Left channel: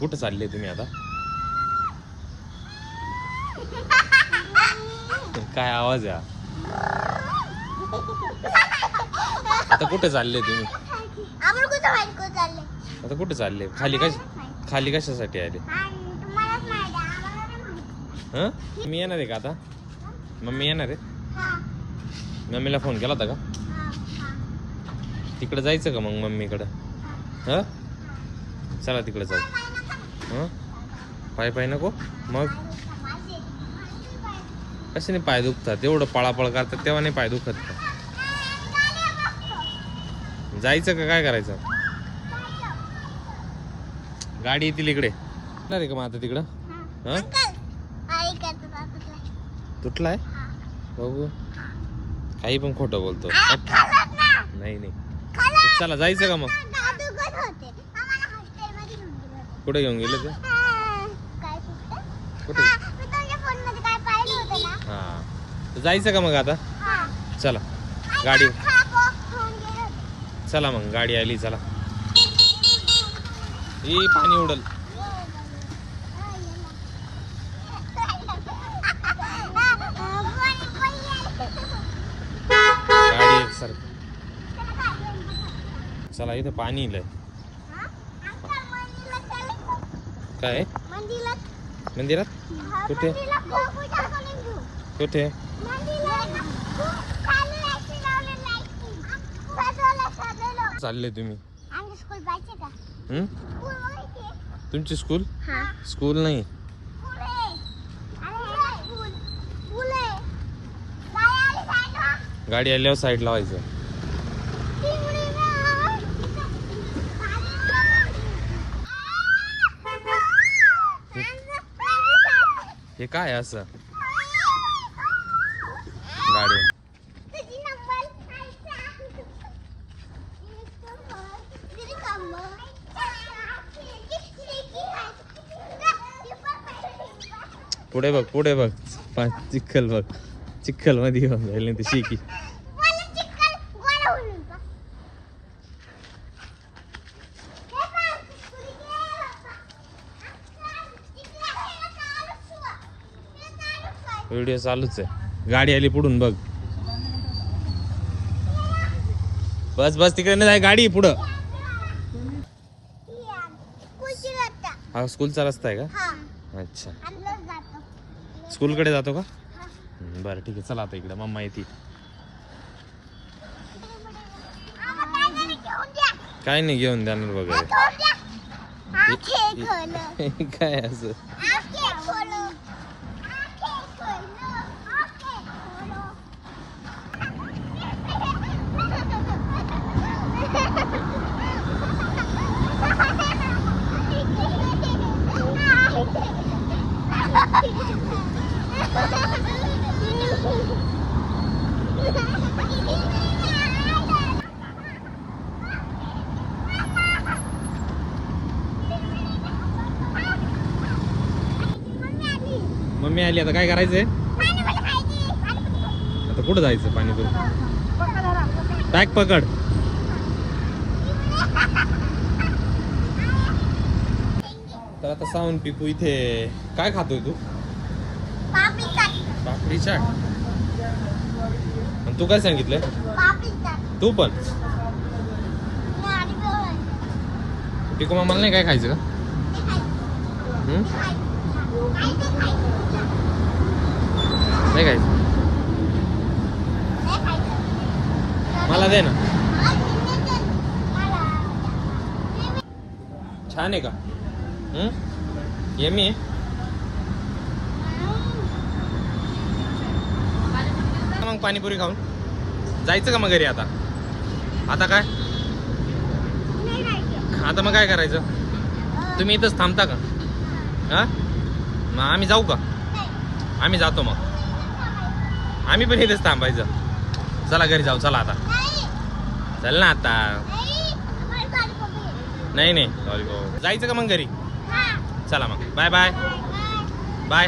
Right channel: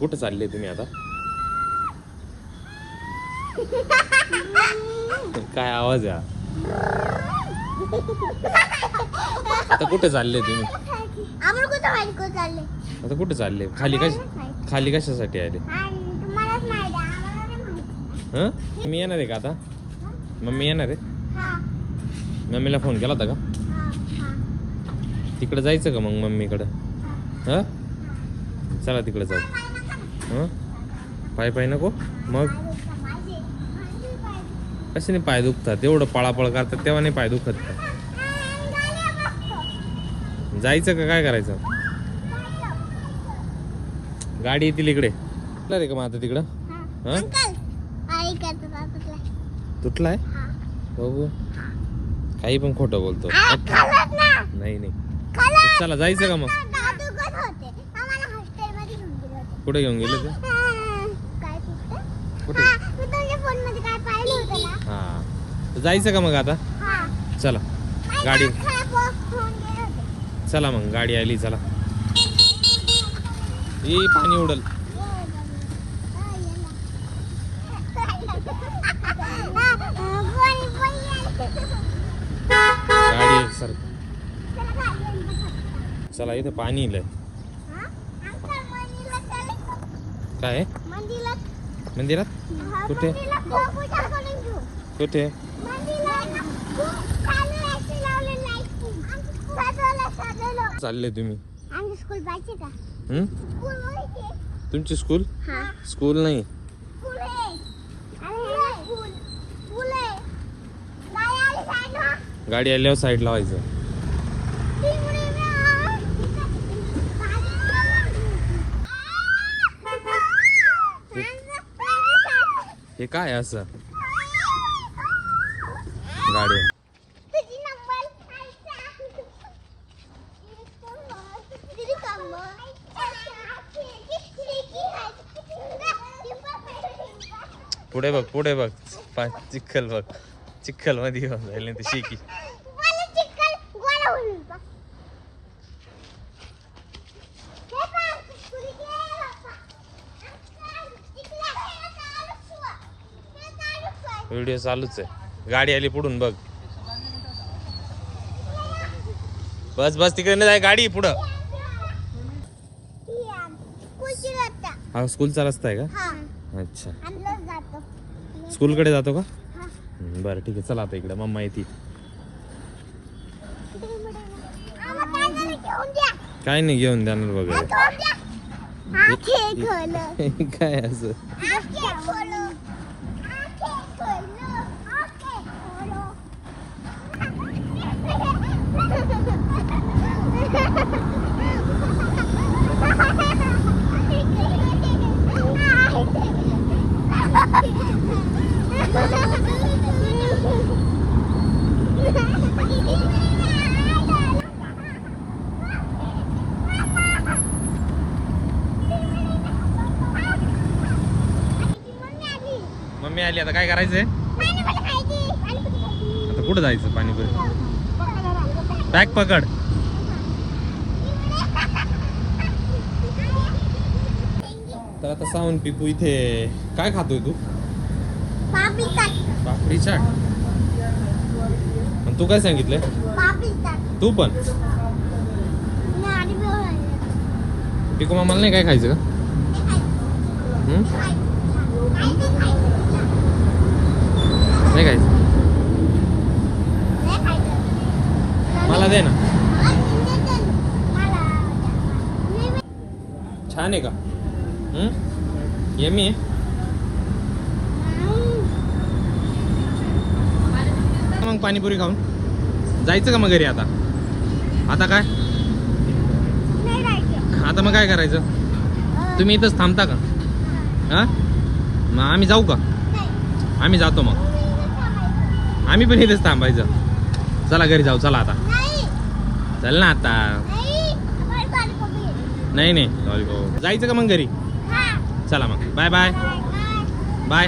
कुठं चालले तुम्ही आता? काय आवाज आहे? हा? आता कुठे चालले तुम्ही? आता कुठे चालले? खाली कश खाली कशासाठी आले. हा? मी येणार आहे का आता? मम्मी येणार आहे? मम्मीला फोन केला होता का. तिकडे जायचं का मग मम्मीकडं? हा. चला तिकडे जाऊ. हा पाय पाय नको मग माझे. माझे पाय. दुखतात एवढं पळापळ करतात तेव्हा नाही पाय दुखत. जायचं का काय करायचं गाडी येतील इकडे आहे का मग आता तिकडं. तुटलाय हा. बघू काही पण खोटं बोलतो. नाही नाही. चला जायचं का मग पाय दुखत होते. आम्हाला हॉस्टेलमध्ये घेऊन गेलं होतं. कुठे घेऊन गेले ते? हा, हा, हा. जायचं का मग आता? हा. चला. गाडी. हा. चला मग गाडी आली चला. ए पाणी उडल. गाडी सर. चला इथे पाणी इलंय काय? मंदिरात. कुठे? कुठे? चालले तुम्ही. हं? तुमची स्कूल हा. स्कूल नाही. गाडी आल्यावर साईड लावायचं. हे काय आहे असं? गाडी. पुढे बघ पुढे बघ. चिखल बघ. चिखलमध्ये जाईल ती शिकी. व्हिडिओ चालूच आहे. गाडी आली पुढून बघ. बस बस तिकडे नाही जाय, गाडी पुढं. हा स्कूलचा रस्ता आहे का? अच्छा. स्कूलकडे जातो का? हं, बरं ठीक आहे. चला आता इकडे. मम्मा येते. काय नाही घेऊन जाणार वगैरे काय असं? मम्मी आली. आता काय करायचंय? आता कुठं जायचं पाणीपुरी बॅग पकड. तर आता सावन पिकू इथे काय खातोय तू? पापडी चाट. तू काय सांगितलंय? तू पण. पिकू मामाला नाही काय खायचं का हं? नाही खायचं मला दे ना छान आहे का? येमी मग पाणीपुरी खाऊन. जायचं का मग घरी आता? आता काय? आता मग काय करायचं? तुम्ही इथंच थांबता का? हा? मग आम्ही जाऊ का? आम्ही जातो मग. आम्ही पण इथेच थांबायचं. चला घरी जाऊ चला आता. चल ना आता. नाही नाही. जायचं का मग घरी? चला मग. Bye bye. बाय.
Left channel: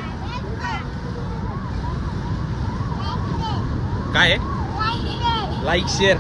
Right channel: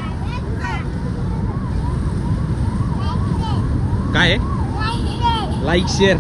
काय? Like share